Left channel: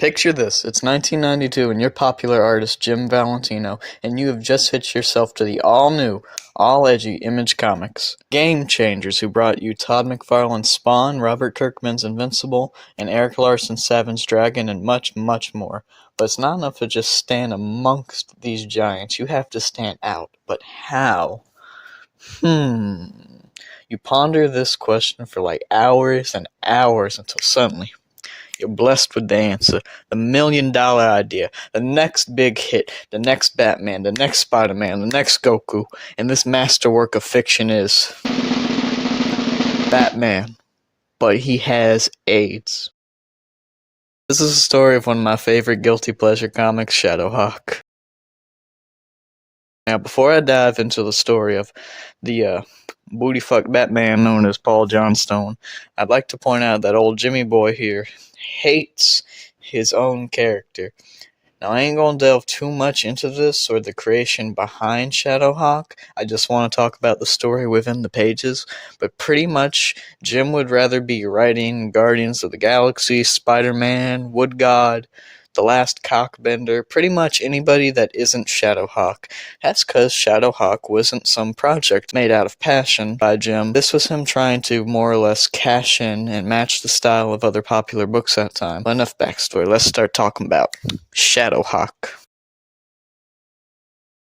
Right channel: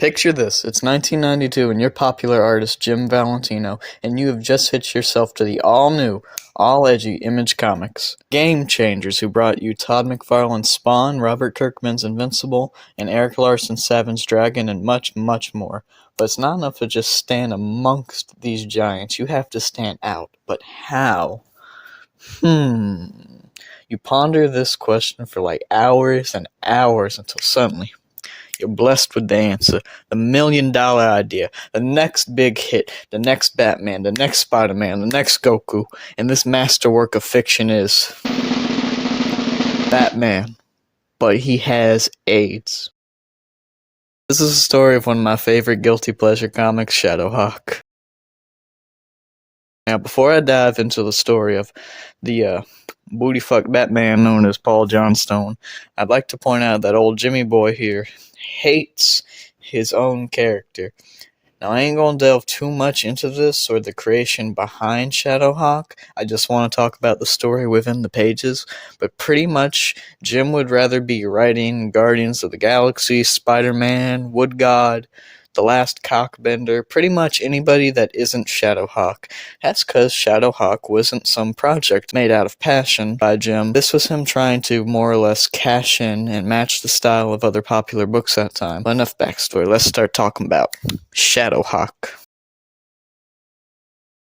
Picture this, it's 1992 and you're popular artist Jim Valentino, and you have just hitched yourself to the all-new, all-edgy Image Comics. Game changers who brought you Todd McFarlane's Spawn, Robert Kirkman's Invincible, and Eric Larson's Savage Dragon, and much, much more. But it's not enough to just stand amongst these giants, you have to stand out. But how? You ponder this question for like hours and hours until suddenly you're blessed with the answer, the $1,000,000 idea, the next big hit, the next Batman, the next Spider-Man, the next Goku, and this masterwork of fiction is Batman, but he has AIDS. This is the story of one of my favorite guilty pleasure comics, ShadowHawk. Now, before I dive into the story of the booty-fuck Batman known as Paul Johnstone, I'd like to point out that old Jimmy Boy here hates his own character. Now, I ain't gonna delve too much into this or the creation behind ShadowHawk. I just want to talk about the story within the pages. But pretty much, Jim would rather be writing Guardians of the Galaxy, Spider-Man, Wood God, The Last Cockbender, pretty much anybody that isn't ShadowHawk. That's because ShadowHawk wasn't some project made out of passion by Jim. This was him trying to more or less cash in and match the style of other popular books that time. But enough backstory, let's start talking about ShadowHawk.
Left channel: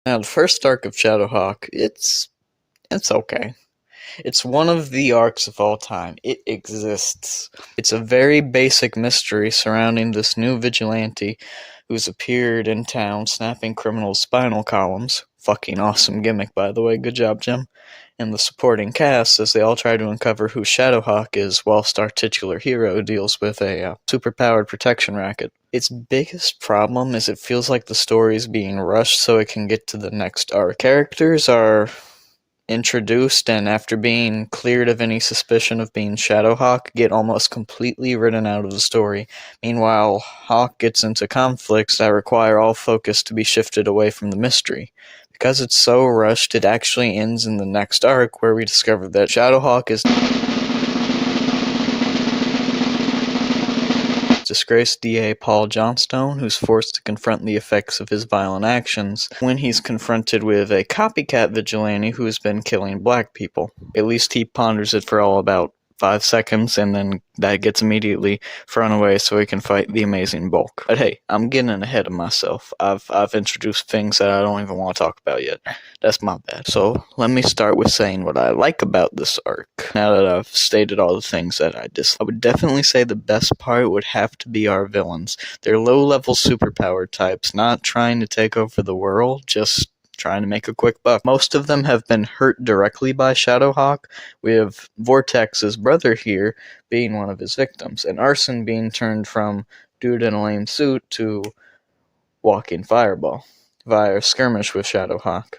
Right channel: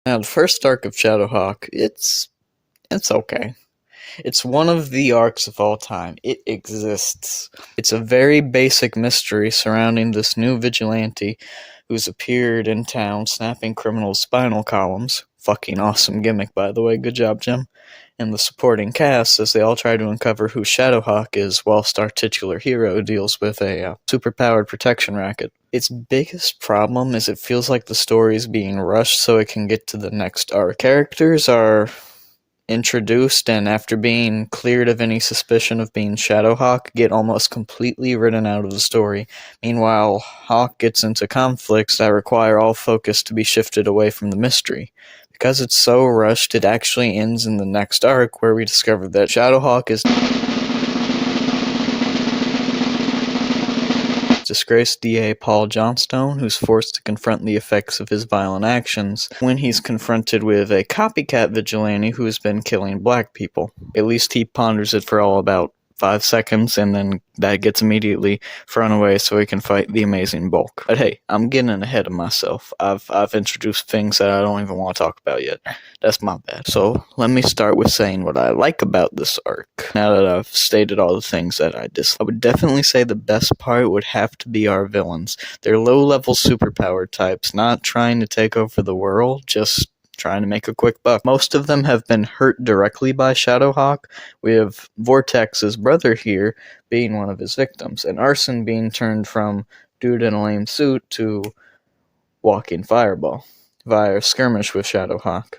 Now, the first arc of ShadowHawk, it's okay. It's one of the arcs of all time. It exists. It's a very basic mystery surrounding this new vigilante who's appeared in town snapping criminals' spinal columns. Fucking awesome gimmick, by the way. Good job, Jim. And the supporting cast as they all try to uncover who ShadowHawk is whilst our titular hero deals with a superpowered protection racket. Its biggest problem is it feels like the story is being rushed so it can get to the next arc. Characters are introduced and after being cleared of any suspicion of being ShadowHawk get almost completely written out of the story. Meanwhile, Hawk gets into conflicts that require all focus to be shifted away from the mystery. Because it's so rushed, it actually ends in the next arc where we discover that ShadowHawk is disgraced DA Paul Johnstone, who's forced to confront the effects of his violent actions when he's confronted with a copycat vigilante who's been killing black people. At least he ponders it for all about 5 seconds, and then that gets immediately thrown away so he can fight the amazing Bulk. But hey, I'm getting ahead of myself. I've introduced things that I don't even want to talk about yet. That's my bad. So let me start with saying what I like about this arc. Now that I've stated all the things that I dislike, I would definitely say the best part would have to be our villains. They're low-level superpower types, not trying to take over the world, just trying to make a quick buck. Most of them have been hurt directly by ShadowHawk, with Vortex's brother here being one of his victims, and Arson being turned from dude in a lame suit to walking fireball via a skirmish with ShadowHawk.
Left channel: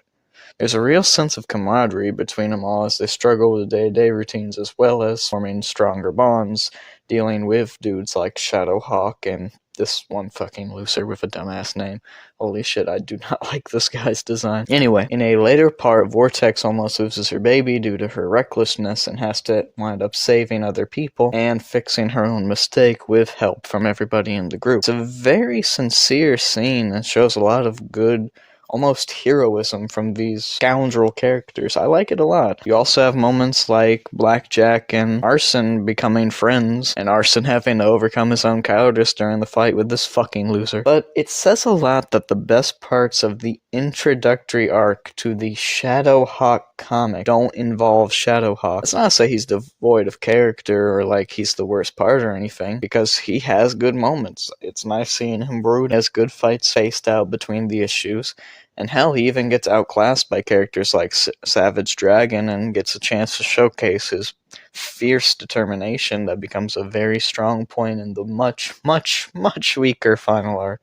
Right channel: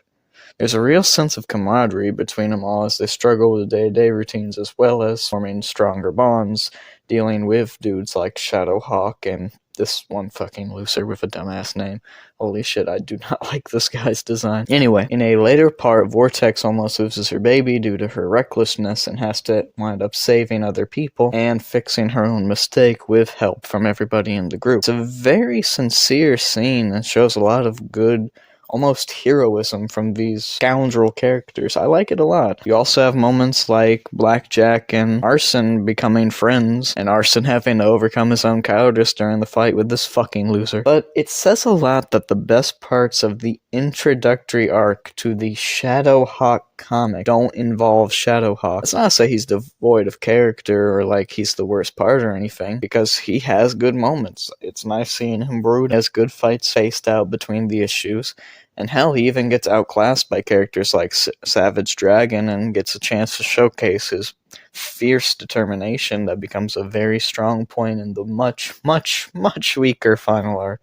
There's a real sense of camaraderie between them all as they struggle with day-to-day routines as well as forming stronger bonds, dealing with dudes like ShadowHawk and this one fucking loser with a dumbass name. Holy shit, I do not like this guy's design. Anyway, in a later part, Vortex almost loses her baby due to her recklessness and has to wind up saving other people and fixing her own mistake with help from everybody in the group. It's a very sincere scene that shows a lot of good, almost heroism from these scoundrel characters. I like it a lot. You also have moments like Blackjack and Arson becoming friends, and Arson having to overcome his own cowardice during the fight with this fucking loser. But it says a lot that the best parts of the introductory arc to the ShadowHawk comic don't involve ShadowHawk. It's not to say he's devoid of character or like he's the worst part or anything, because he has good moments. It's nice seeing him brood, has good fights spaced out between the issues. And hell, he even gets outclassed by characters like Savage Dragon and gets a chance to showcase his fierce determination that becomes a very strong point in the much, much, much weaker final arc.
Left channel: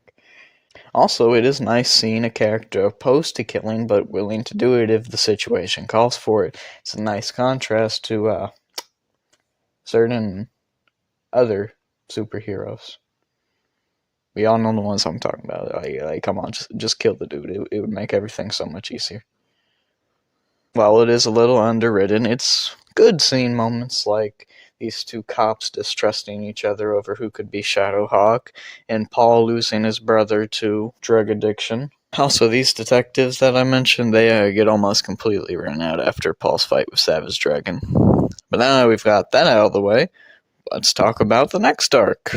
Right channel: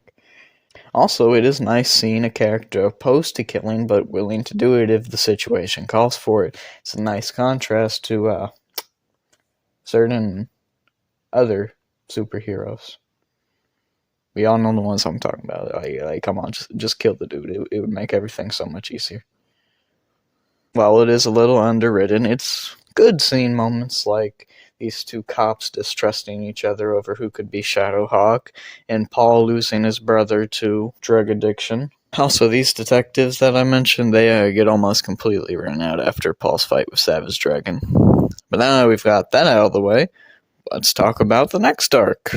Also, it is nice seeing a character opposed to killing but willing to do it if the situation calls for it. It's a nice contrast to certain other superheroes. We all know the ones I'm talking about. Like, come on, just kill the dude. It would make everything so much easier. While it is a little underwritten, it's good seeing moments like these two cops distrusting each other over who could be ShadowHawk, and Paul losing his brother to drug addiction. Also, these detectives that I mentioned, they get almost completely run out after Paul's fight with Savage Dragon. But now that we've got that out of the way, let's talk about the next arc.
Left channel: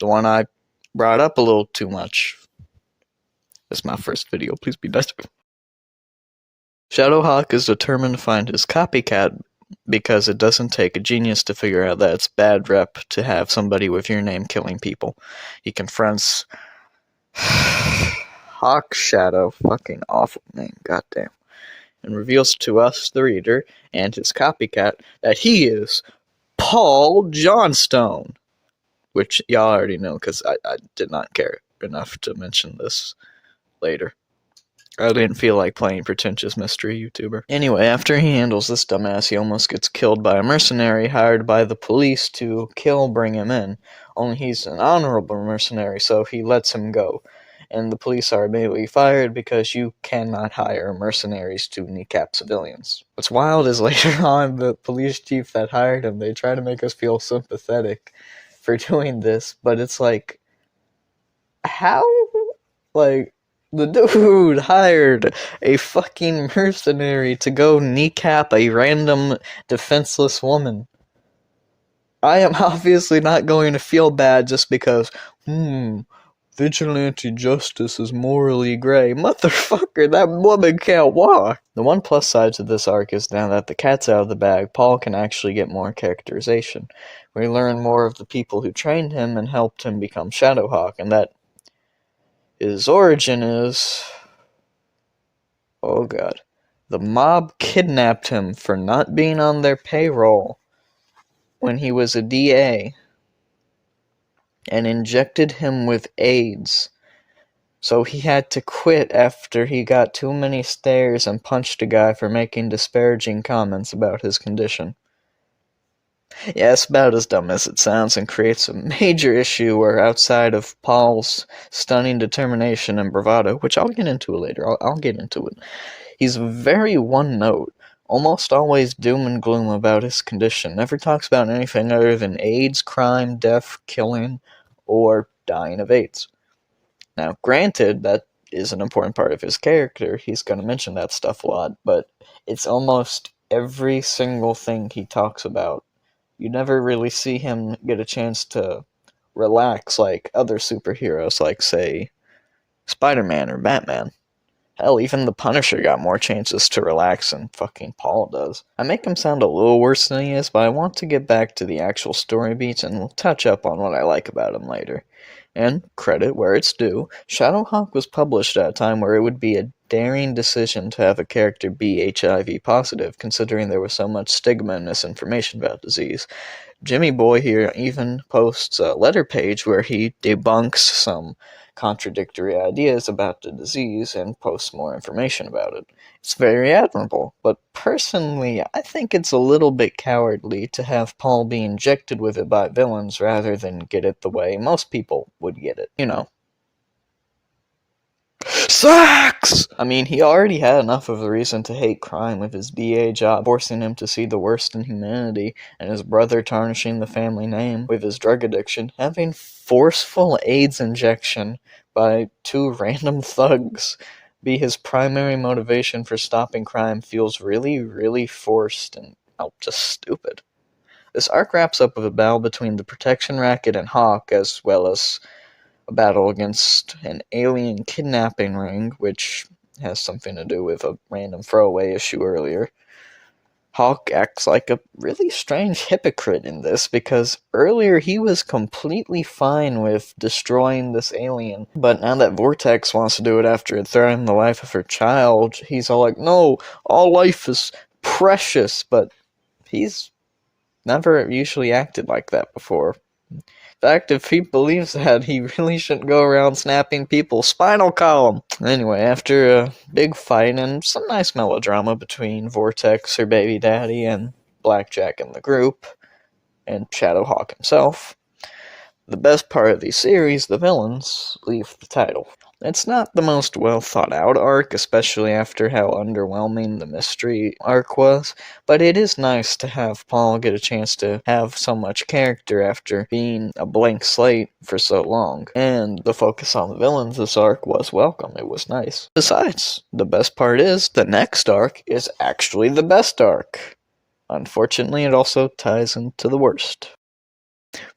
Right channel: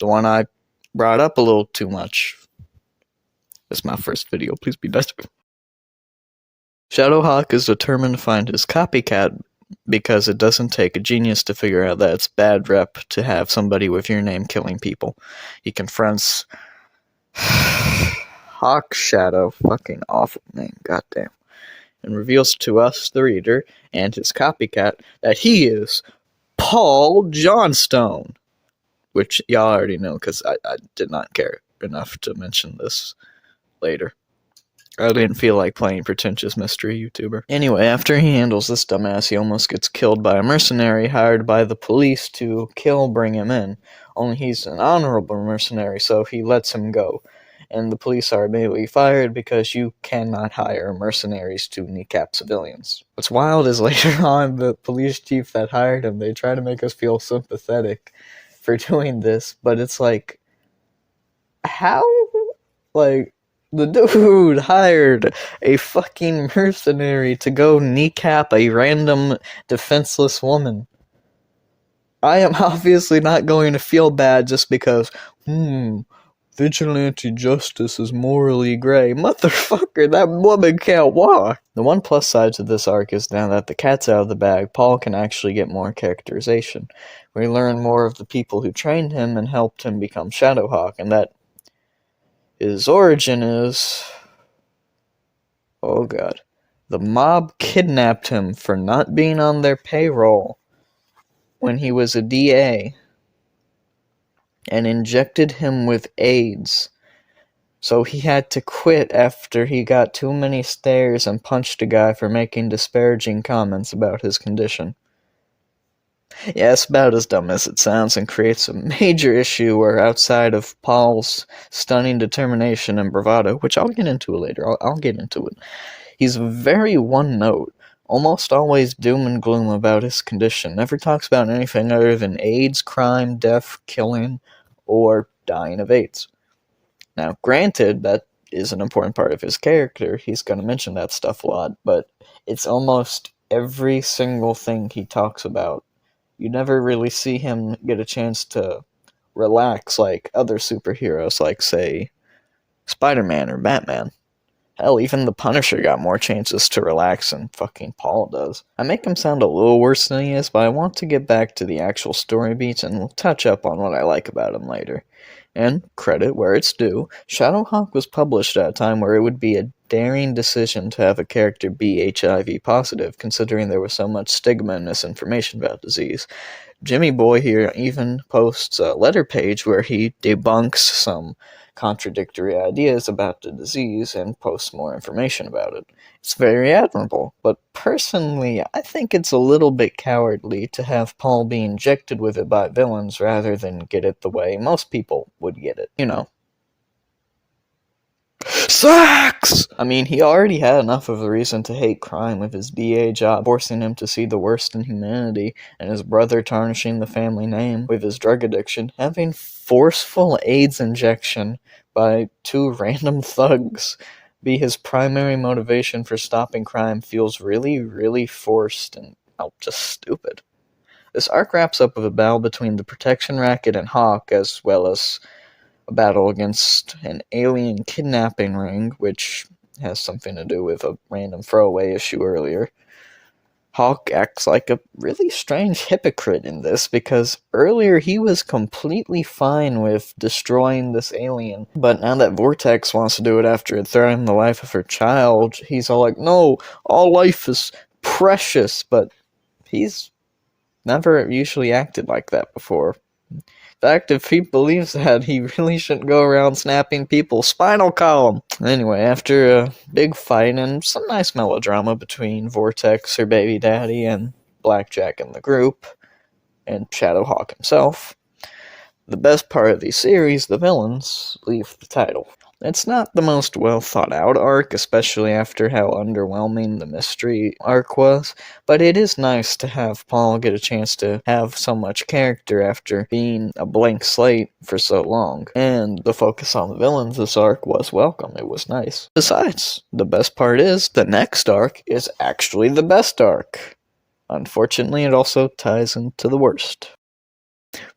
The one I brought up a little too much. This is my first video, please be nice. ShadowHawk is determined to find his copycat because it doesn't take a genius to figure out that it's bad rep to have somebody with your name killing people. He confronts Hawk Shadow, fucking awful name, goddamn, and reveals to us, the reader, and his copycat, that he is Paul Johnstone. Which y'all already know, because I did not care enough to mention this later. I didn't feel like playing pretentious mystery YouTuber. Anyway, after he handles this dumbass, he almost gets killed by a mercenary hired by the police to bring him in. Only he's an honorable mercenary, so he lets him go. And the police are immediately fired because you cannot hire mercenaries to kneecap civilians. What's wild is later on, the police chief that hired him, they try to make us feel sympathetic for doing this, but it's like, how? Like, the dude hired a fucking mercenary to go kneecap a random defenseless woman. I am obviously not going to feel bad just because, vigilante justice is morally gray. Motherfucker, that woman can't walk. The one plus side to this arc is now that the cat's out of the bag, Paul can actually get more characterization. We learn more of the people who trained him and helped him become ShadowHawk, and that his origin is... oh god. The mob kidnapped him for not being on their payroll when he was a DA and injected him with AIDS. So he had to quit after he got too many stares and punched a guy for making disparaging comments about his condition. Yeah, it's about as dumb as it sounds and creates a major issue where outside of Paul's stunning determination and bravado, which I'll get into later, I'll get into it, he's very one-note, almost always doom and gloom about his condition, never talks about anything other than AIDS, crime, death, killing, or dying of AIDS. Now, granted, that is an important part of his character, he's going to mention that stuff a lot, but it's almost every single thing he talks about. You never really see him get a chance to relax like other superheroes, like, say, Spider-Man or Batman. Hell, even the Punisher got more chances to relax than fucking Paul does. I make him sound a little worse than he is, but I want to get back to the actual story beats and we'll touch up on what I like about him later. And, credit where it's due, ShadowHawk was published at a time where it would be a daring decision to have a character be HIV positive, considering there was so much stigma and misinformation about disease. Jimmy Boy here even posts a letter page where he debunks some contradictory ideas about the disease and posts more information about it. It's very admirable, but personally, I think it's a little bit cowardly to have Paul be injected with it by villains rather than get it the way most people would get it. You know. Sex! I mean, he already had enough of a reason to hate crime with his DA job forcing him to see the worst in humanity, and his brother tarnishing the family name with his drug addiction. Having forceful AIDS injection by two random thugs be his primary motivation for stopping crime feels really, really forced and, just stupid. This arc wraps up with a battle between the Protection Racket and Hawk, as well as a battle against an alien kidnapping ring, which has something to do with a random throwaway issue earlier. Hawk acts like a really strange hypocrite in this, because earlier he was completely fine with destroying this alien, but now that Vortex wants to do it after it threatened the life of her child, he's all like, no, all life is precious, but he's never usually acted like that before. In fact, if he believes that, he really shouldn't go around snapping people's spinal column. Anyway, after a big fight and some nice melodrama between Vortex, her baby daddy, and Blackjack and the group, and ShadowHawk himself, the best part of the series, the villains, leave the title. It's not the most well thought out arc, especially after how underwhelming the mystery arc was, but it is nice to have Paul get a chance to have so much character after being a blank slate for so long. And the focus on the villains this arc was welcome. It was nice. Besides, the best part is the next arc is actually the best arc. Unfortunately, it also ties into the worst.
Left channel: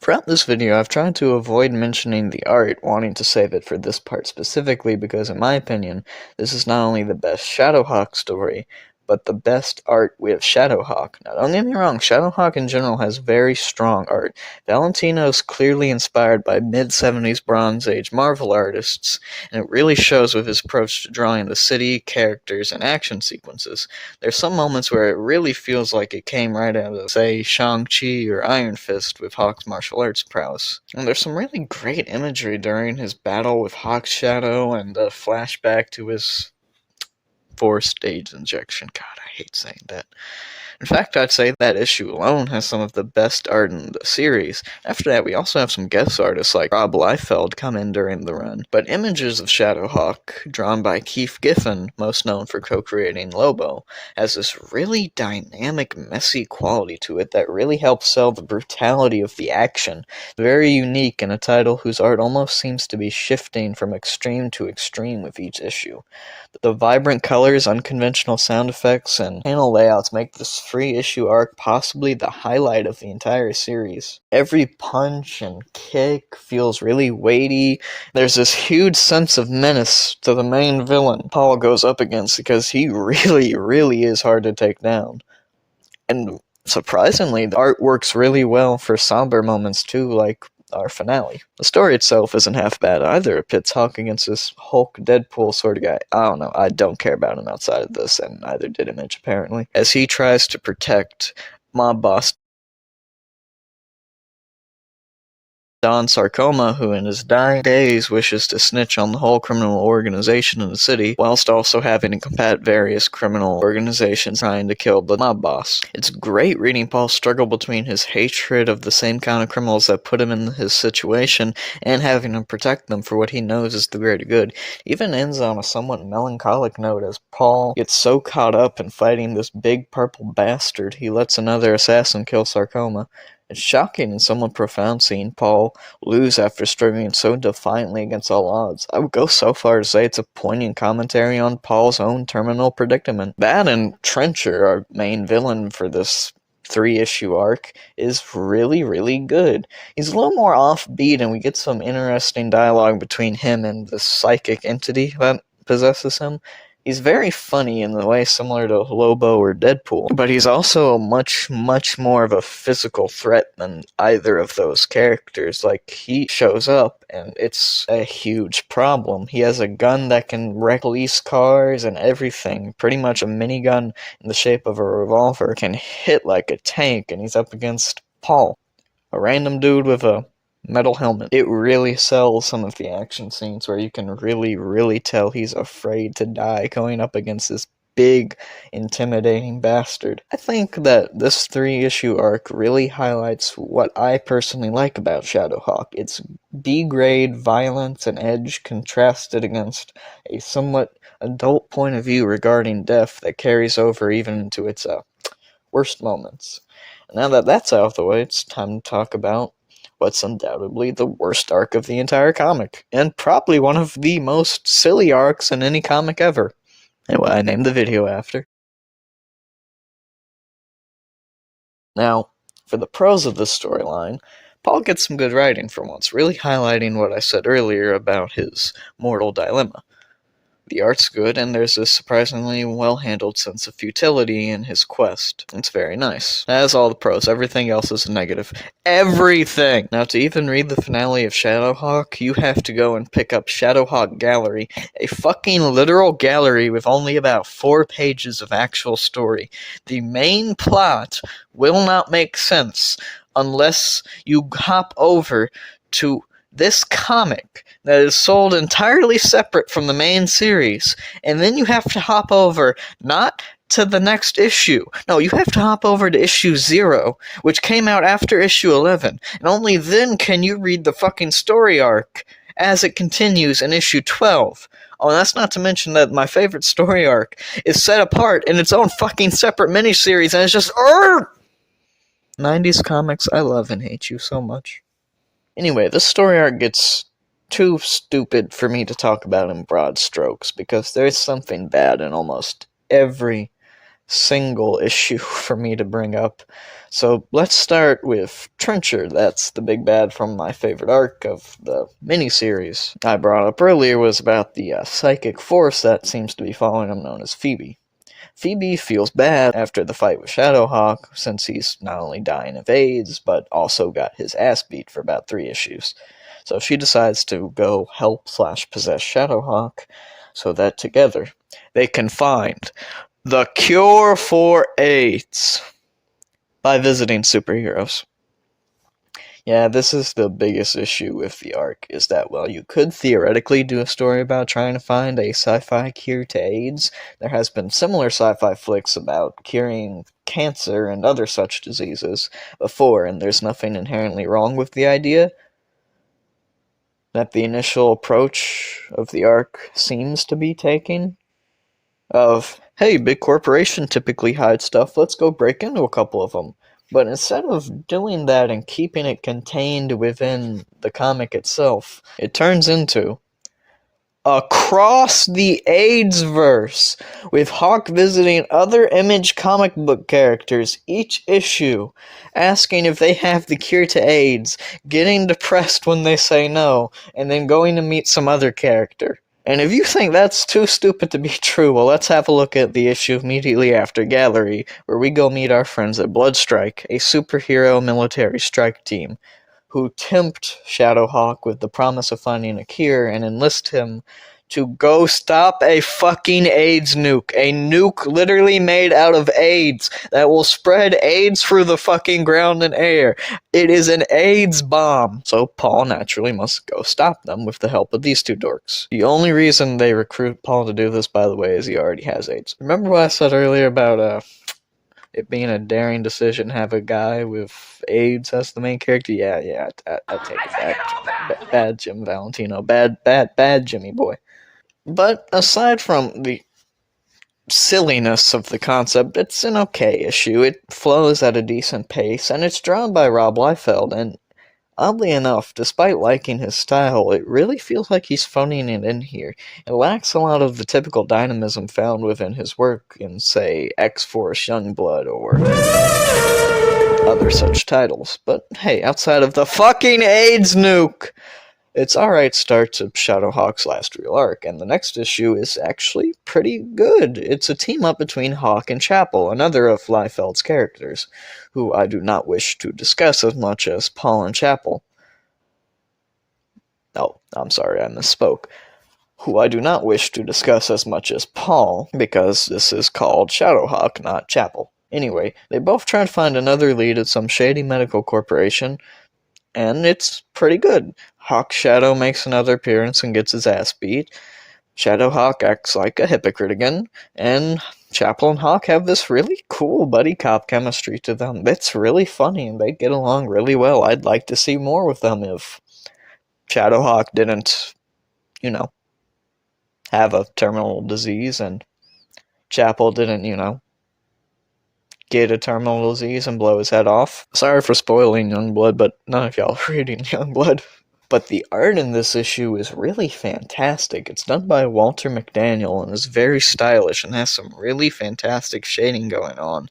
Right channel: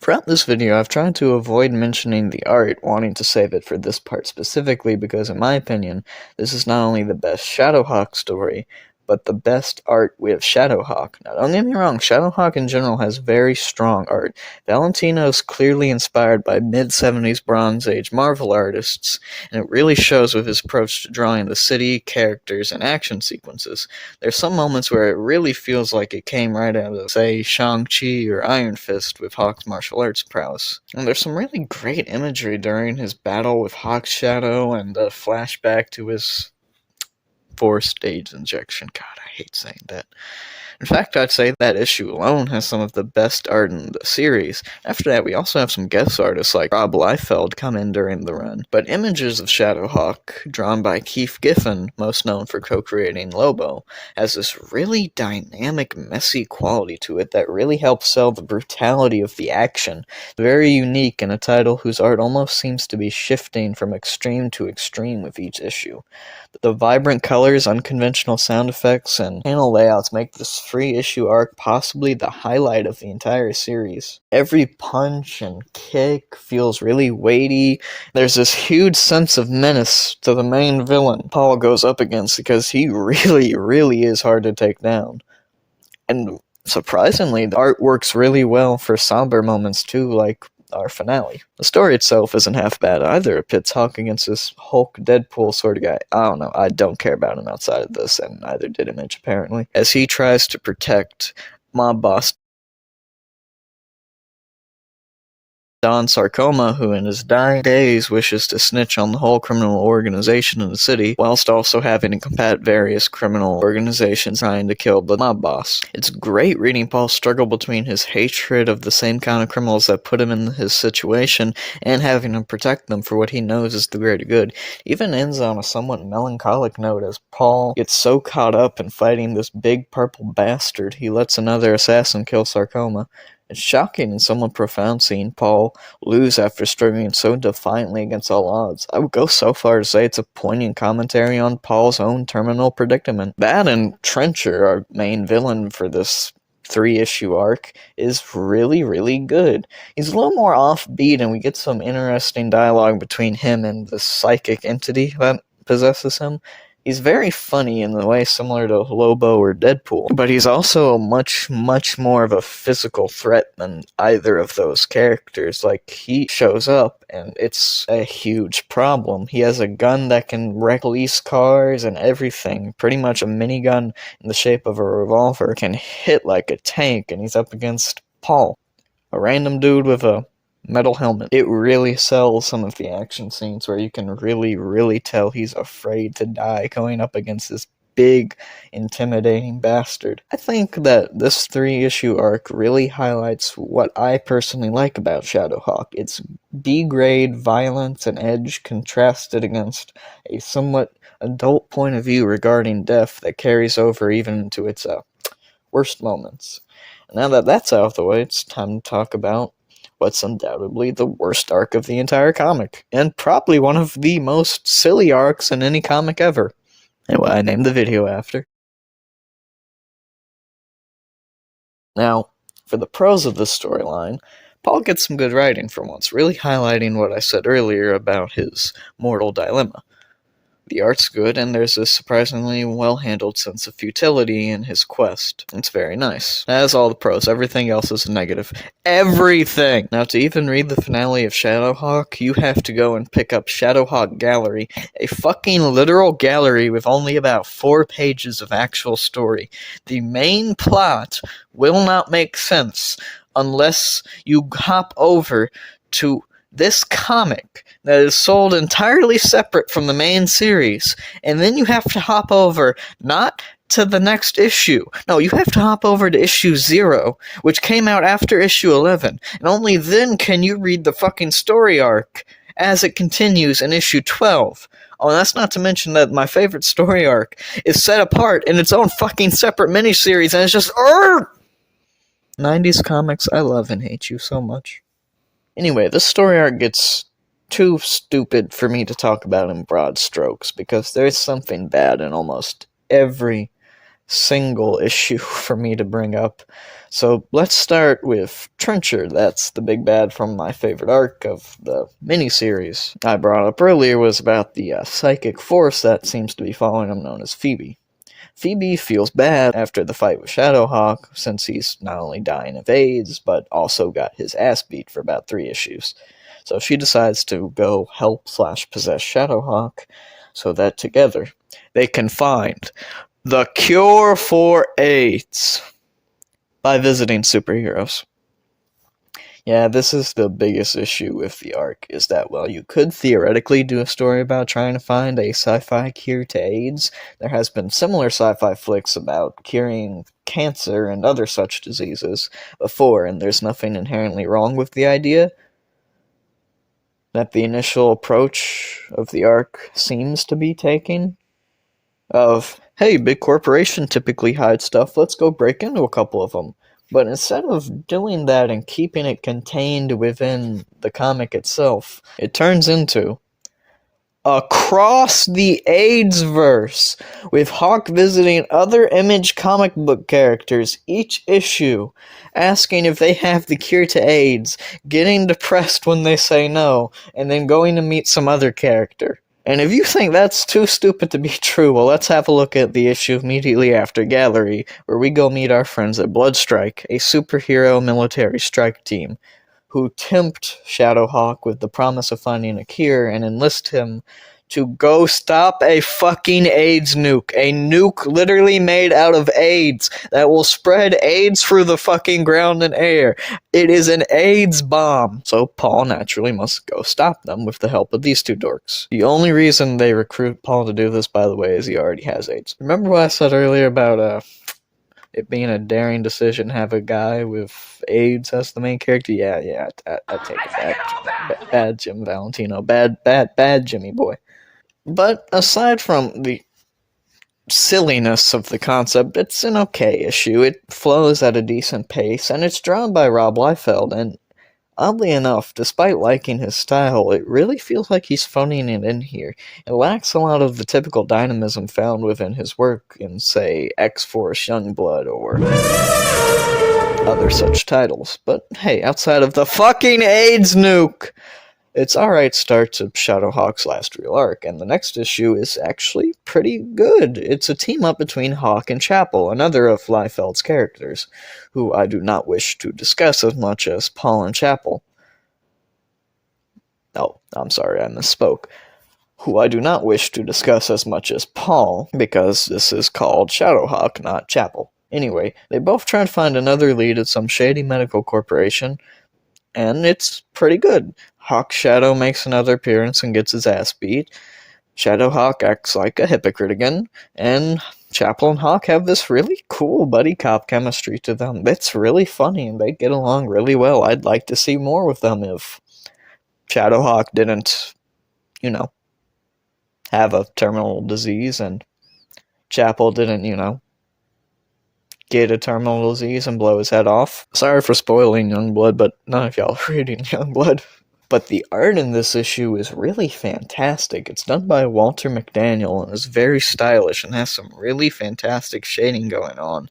Throughout this video, I've tried to avoid mentioning the art, wanting to save it for this part specifically because, in my opinion, this is not only the best ShadowHawk story, but the best art with ShadowHawk. Now, don't get me wrong, ShadowHawk in general has very strong art. Valentino's clearly inspired by mid-70s Bronze Age Marvel artists, and it really shows with his approach to drawing the city, characters, and action sequences. There's some moments where it really feels like it came right out of, say, Shang-Chi or Iron Fist with Hawk's martial arts prowess. And there's some really great imagery during his battle with Hawk's shadow and a flashback to his forced age injection. God, I hate saying that. In fact, I'd say that issue alone has some of the best art in the series. After that, we also have some guest artists like Rob Liefeld come in during the run. But images of ShadowHawk, drawn by Keith Giffen, most known for co-creating Lobo, has this really dynamic, messy quality to it that really helps sell the brutality of the action. Very unique in a title whose art almost seems to be shifting from extreme to extreme with each issue. The vibrant colors, unconventional sound effects, and panel layouts make this free-issue arc possibly the highlight of the entire series. Every punch and kick feels really weighty. There's this huge sense of menace to the main villain Paul goes up against because he really is hard to take down. And surprisingly, the art works really well for somber moments too, like our finale. The story itself isn't half bad either. It pits Hawk against this Hulk Deadpool sort of guy. I don't know, I don't care about him outside of this, and neither did Image apparently, as he tries to protect mob boss Don Sarcoma, who in his dying days wishes to snitch on the whole criminal organization in the city, whilst also having to combat various criminal organizations trying to kill the mob boss. It's great reading Paul struggle between his hatred of the same kind of criminals that put him in his situation and having to protect them for what he knows is the greater good. Even ends on a somewhat melancholic note as Paul gets so caught up in fighting this big purple bastard he lets another assassin kill Sarcoma. It's shocking and somewhat profound seeing Paul lose after struggling so defiantly against all odds. I would go so far to say it's a poignant commentary on Paul's own terminal predicament. That and Trencher, our main villain for this 3-issue arc, is really good. He's a little more offbeat and we get some interesting dialogue between him and the psychic entity that possesses him. He's very funny in the way similar to Lobo or Deadpool, but he's also much more of a physical threat than either of those characters. Like, he shows up, and it's a huge problem. He has a gun that can wreck police cars and everything. Pretty much a minigun in the shape of a revolver can hit like a tank, and he's up against Paul, a random dude with a metal helmet. It really sells some of the action scenes where you can really tell he's afraid to die going up against this big, intimidating bastard. I think that this 3-issue arc really highlights what I personally like about ShadowHawk. It's B-grade violence and edge contrasted against a somewhat adult point of view regarding death that carries over even into its worst moments. Now that that's out of the way, it's time to talk about what's undoubtedly the worst arc of the entire comic, and probably one of the most silly arcs in any comic ever, and what I named the video after. Now, for the pros of this storyline, Paul gets some good writing for once, really highlighting what I said earlier about his mortal dilemma. The art's good, and there's a surprisingly well-handled sense of futility in his quest. It's very nice. That is all the pros. Everything else is a negative. Everything! Now, to even read the finale of ShadowHawk, you have to go and pick up ShadowHawk Gallery, a fucking literal gallery with only about 4 pages of actual story. The main plot will not make sense unless you hop over to this comic that is sold entirely separate from the main series, and then you have to hop over not to the next issue. No, you have to hop over to issue 0, which came out after issue 11, and only then can you read the fucking story arc. as it continues in issue 12. Oh, that's not to mention that my favorite story arc is set apart in its own fucking separate miniseries, and it's just... 90s comics, I love and hate you so much. Anyway, this story arc gets too stupid for me to talk about in broad strokes, because there's something bad in almost every single issue for me to bring up. So let's start with Trencher. That's the big bad from my favorite arc of the miniseries I brought up earlier, was about the psychic force that seems to be following him, known as Phoebe. Phoebe feels bad after the fight with ShadowHawk, since he's not only dying of AIDS, but also got his ass beat for about 3 issues. So she decides to go help/possess ShadowHawk, so that together they can find the cure for AIDS by visiting superheroes. Yeah, this is the biggest issue with the arc, is that while you could theoretically do a story about trying to find a sci-fi cure to AIDS, there has been similar sci-fi flicks about curing cancer and other such diseases before, and there's nothing inherently wrong with the idea that the initial approach of the arc seems to be taking, of, hey, big corporation typically hide stuff, let's go break into a couple of them. But instead of doing that and keeping it contained within the comic itself, it turns into across the AIDS-verse, with Hawk visiting other Image comic book characters each issue, asking if they have the cure to AIDS, getting depressed when they say no, and then going to meet some other character. And if you think that's too stupid to be true, well, let's have a look at the issue immediately after Gallery, where we go meet our friends at Bloodstrike, a superhero military strike team, who tempt ShadowHawk with the promise of finding a cure and enlist him to go stop a fucking AIDS nuke. A nuke literally made out of AIDS that will spread AIDS through the fucking ground and air. It is an AIDS bomb. So Paul naturally must go stop them with the help of these two dorks. The only reason they recruit Paul to do this, by the way, is he already has AIDS. Remember what I said earlier about it being a daring decision to have a guy with AIDS as the main character? Yeah, I take that. Bad Jim Valentino. Bad Jimmy boy. But aside from the silliness of the concept, it's an okay issue. It flows at a decent pace, and it's drawn by Rob Liefeld, and oddly enough, despite liking his style, it really feels like he's phoning it in here. It lacks a lot of the typical dynamism found within his work in, say, X-Force Youngblood or other such titles. But hey, outside of the fucking AIDS nuke, it's alright start to ShadowHawk's last real arc, and the next issue is actually pretty good. It's a team-up between Hawk and Chapel, another of Liefeld's characters, who I do not wish to discuss as much as Paul and Chapel. Oh, I'm sorry, I misspoke. Who I do not wish to discuss as much as Paul, because this is called ShadowHawk, not Chapel. Anyway, they both try to find another lead at some shady medical corporation, and it's pretty good. Hawk Shadow makes another appearance and gets his ass beat. ShadowHawk acts like a hypocrite again, and Chapel and Hawk have this really cool buddy cop chemistry to them. It's really funny, and they get along really well. I'd like to see more with them if ShadowHawk didn't, have a terminal disease, and Chapel didn't, get a terminal disease and blow his head off. Sorry for spoiling Youngblood, but none of y'all are reading Youngblood. But the art in this issue is really fantastic. It's done by Walter McDaniel and is very stylish and has some really fantastic shading going on.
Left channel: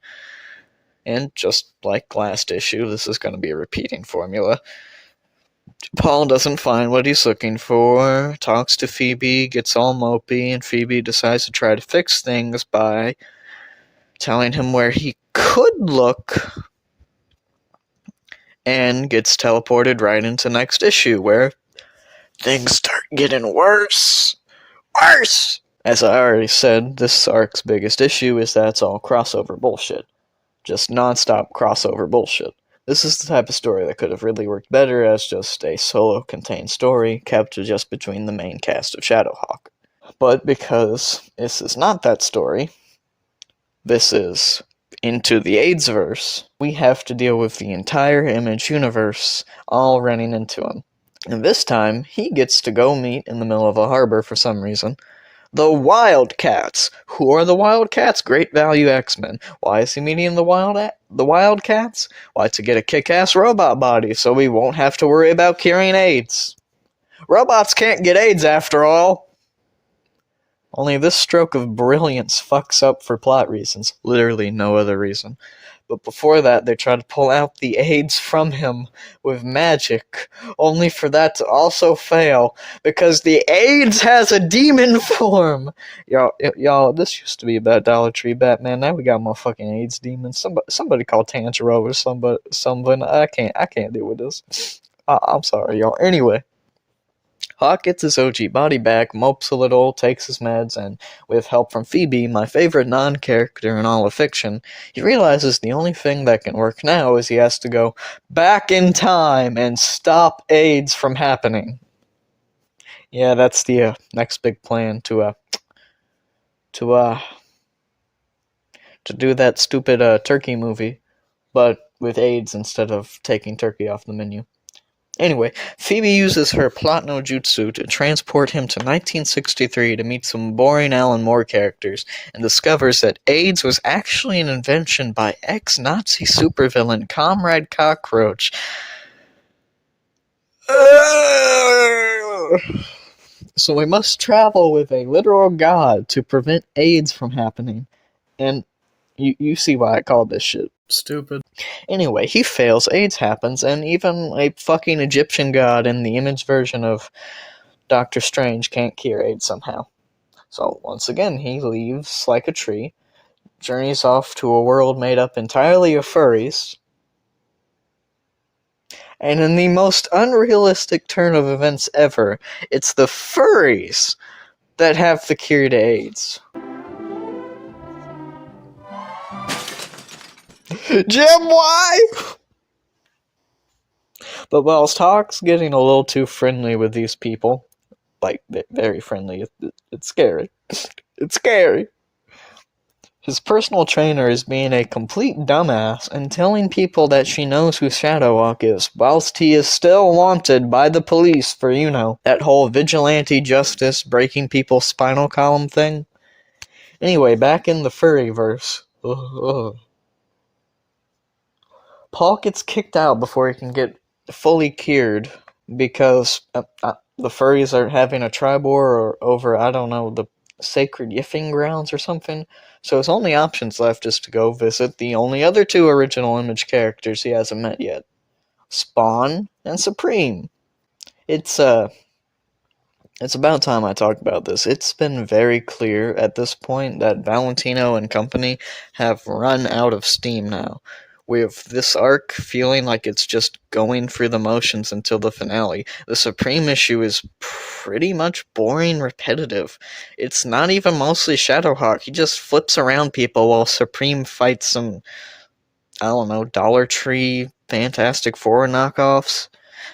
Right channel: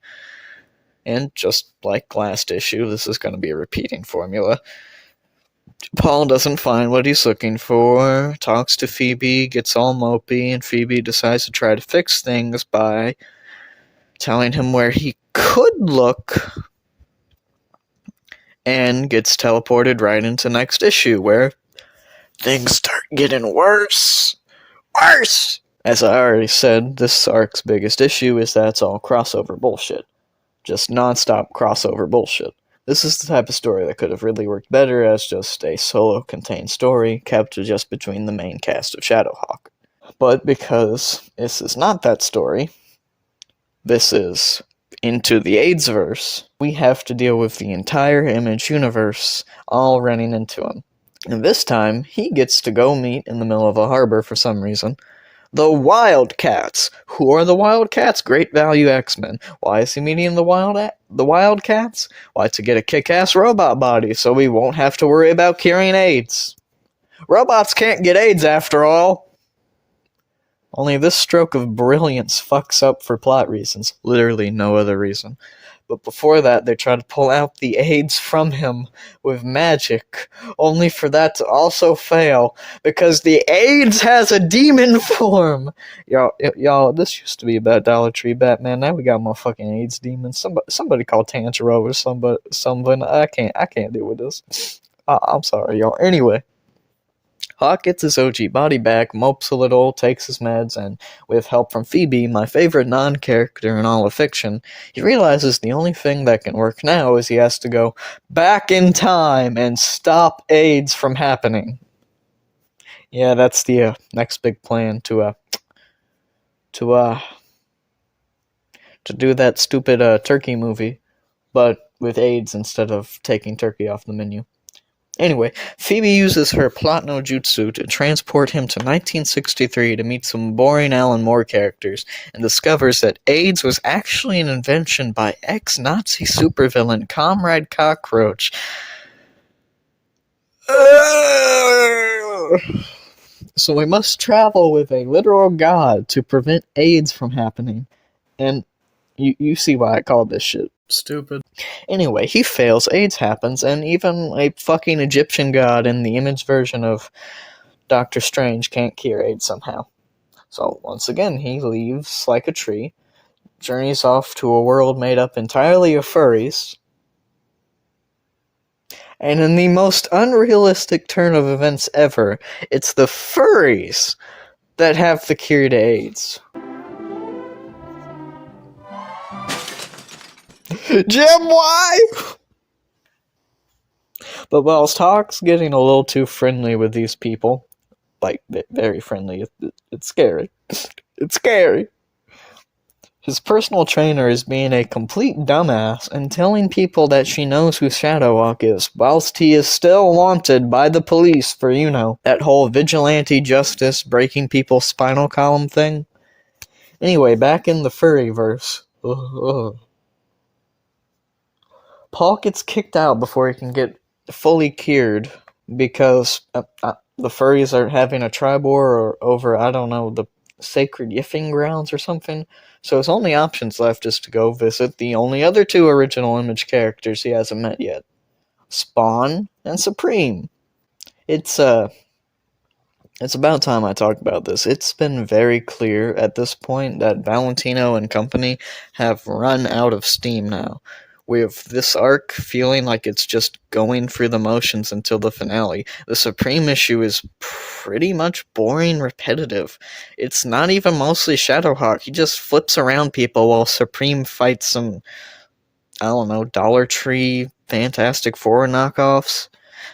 And just like last issue, this is going to be a repeating formula. Paul doesn't find what he's looking for, talks to Phoebe, gets all mopey, and Phoebe decides to try to fix things by telling him where he could look, and gets teleported right into next issue, where things start getting worse. Worse! As I already said, this arc's biggest issue is that it's all crossover bullshit. Just non-stop crossover bullshit. This is the type of story that could have really worked better as just a solo-contained story kept just between the main cast of ShadowHawk. But because this is not that story, this is into the AIDS-verse, we have to deal with the entire Image universe all running into him. And this time, he gets to go meet in the middle of a harbor for some reason the Wildcats. Who are the Wildcats? Great Value X-Men. Why is he meeting the Wildcats? Why, to get a kick-ass robot body so we won't have to worry about curing AIDS. Robots can't get AIDS after all. Only this stroke of brilliance fucks up for plot reasons. Literally no other reason. But before that, they try to pull out the AIDS from him with magic, only for that to also fail, because the AIDS has a demon form! Y'all, this used to be about Dollar Tree Batman, now we got motherfucking AIDS demons. Somebody call Tanjiro or something. I can't deal with this. I'm sorry, y'all. Anyway. Hawk gets his OG body back, mopes a little, takes his meds, and with help from Phoebe, my favorite non-character in all of fiction, he realizes the only thing that can work now is he has to go back in time and stop AIDS from happening. Yeah, that's the next big plan to do that stupid turkey movie, but with AIDS instead of taking turkey off the menu. Anyway, Phoebe uses her plot no jutsu to transport him to 1963 to meet some boring Alan Moore characters, and discovers that AIDS was actually an invention by ex-Nazi supervillain Comrade Cockroach. So we must travel with a literal god to prevent AIDS from happening, and you see why I called this shit stupid. Anyway, he fails, AIDS happens, and even a fucking Egyptian god in the image version of Doctor Strange can't cure AIDS somehow. So, once again, he leaves like a tree, journeys off to a world made up entirely of furries, and in the most unrealistic turn of events ever, it's the furries that have the cure to AIDS. Jim, why? But whilst Hawk's getting a little too friendly with these people, like, very friendly, it's scary. It's scary. His personal trainer is being a complete dumbass and telling people that she knows who ShadowHawk is, whilst he is still wanted by the police for, that whole vigilante justice breaking people's spinal column thing. Anyway, back in the furry-verse. Paul gets kicked out before he can get fully cured because the furries are having a tri-war over, I don't know, the sacred yiffing grounds or something. So his only options left is to go visit the only other two original Image characters he hasn't met yet. Spawn and Supreme. It's about time I talk about this. It's been very clear at this point that Valentino and company have run out of steam now, with this arc feeling like it's just going through the motions until the finale. The Supreme issue is pretty much boring, repetitive. It's not even mostly ShadowHawk. He just flips around people while Supreme fights some, I don't know, Dollar Tree Fantastic Four knockoffs.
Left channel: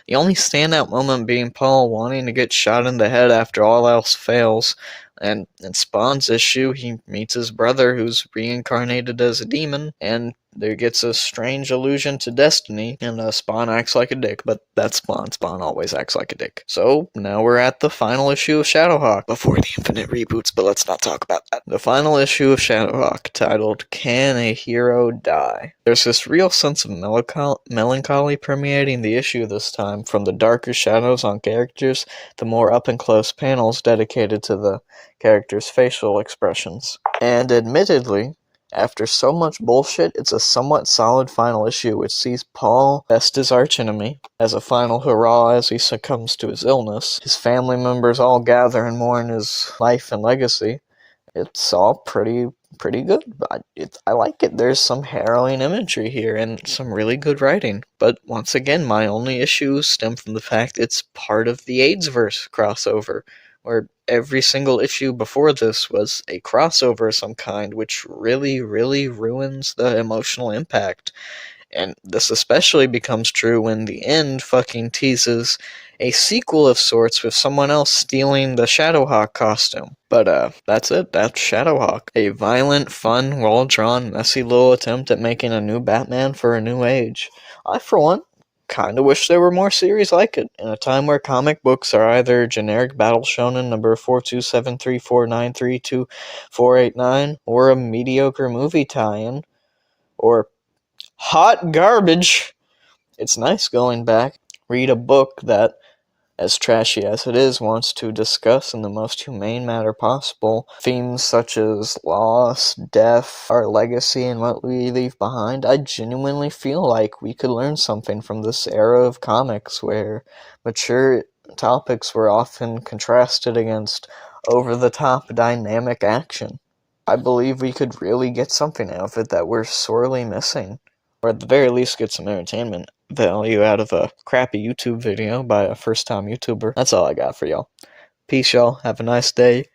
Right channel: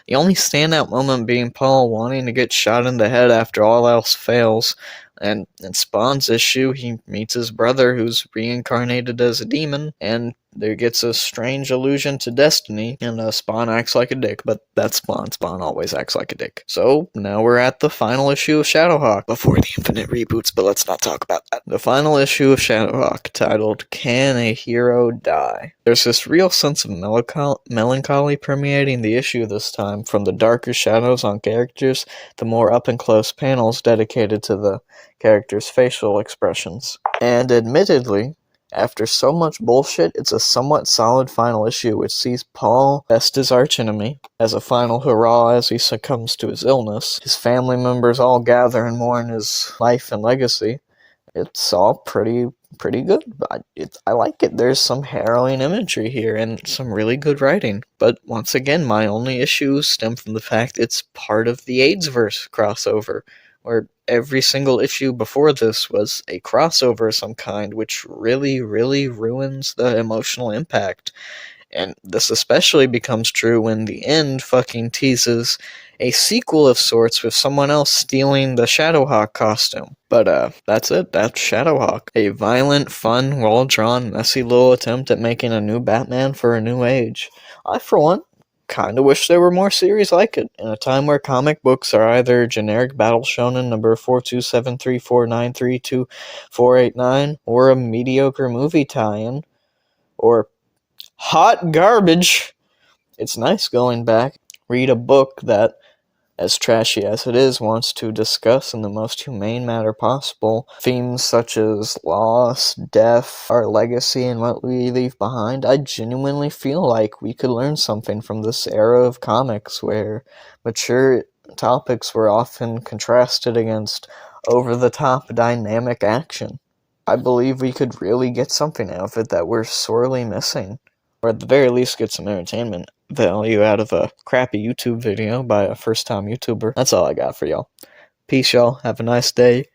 The only standout moment being Paul wanting to get shot in the head after all else fails. And in Spawn's issue, he meets his brother who's reincarnated as a demon, and there gets a strange allusion to destiny, and Spawn acts like a dick, but that's Spawn. Spawn always acts like a dick. So, now we're at the final issue of ShadowHawk, before the infinite reboots, but let's not talk about that. The final issue of ShadowHawk, titled, Can a Hero Die? There's this real sense of melancholy permeating the issue this time, from the darker shadows on characters, the more up-and-close panels dedicated to the characters' facial expressions. And admittedly, after so much bullshit, it's a somewhat solid final issue which sees Paul best his archenemy as a final hurrah as he succumbs to his illness. His family members all gather and mourn his life and legacy. It's all pretty good. I like it. There's some harrowing imagery here and some really good writing. But once again, my only issues stem from the fact it's part of the AIDS-verse crossover, where every single issue before this was a crossover of some kind, which really, really ruins the emotional impact. And this especially becomes true when the end fucking teases a sequel of sorts with someone else stealing the ShadowHawk costume. But that's it. That's ShadowHawk. A violent, fun, well-drawn, messy little attempt at making a new Batman for a new age. I, for one, kinda wish there were more series like it. In a time where comic books are either generic battle shonen number 42734932489, or a mediocre movie tie-in, or hot garbage, it's nice going back, read a book that, as trashy as it is, wants to discuss in the most humane manner possible themes such as loss, death, our legacy, and what we leave behind. I genuinely feel like we could learn something from this era of comics where mature topics were often contrasted against over-the-top dynamic action. I believe we could really get something out of it that we're sorely missing, or at the very least get some entertainment value out of a crappy YouTube video by a first-time YouTuber. That's all I got for y'all. Peace, y'all. Have a nice day.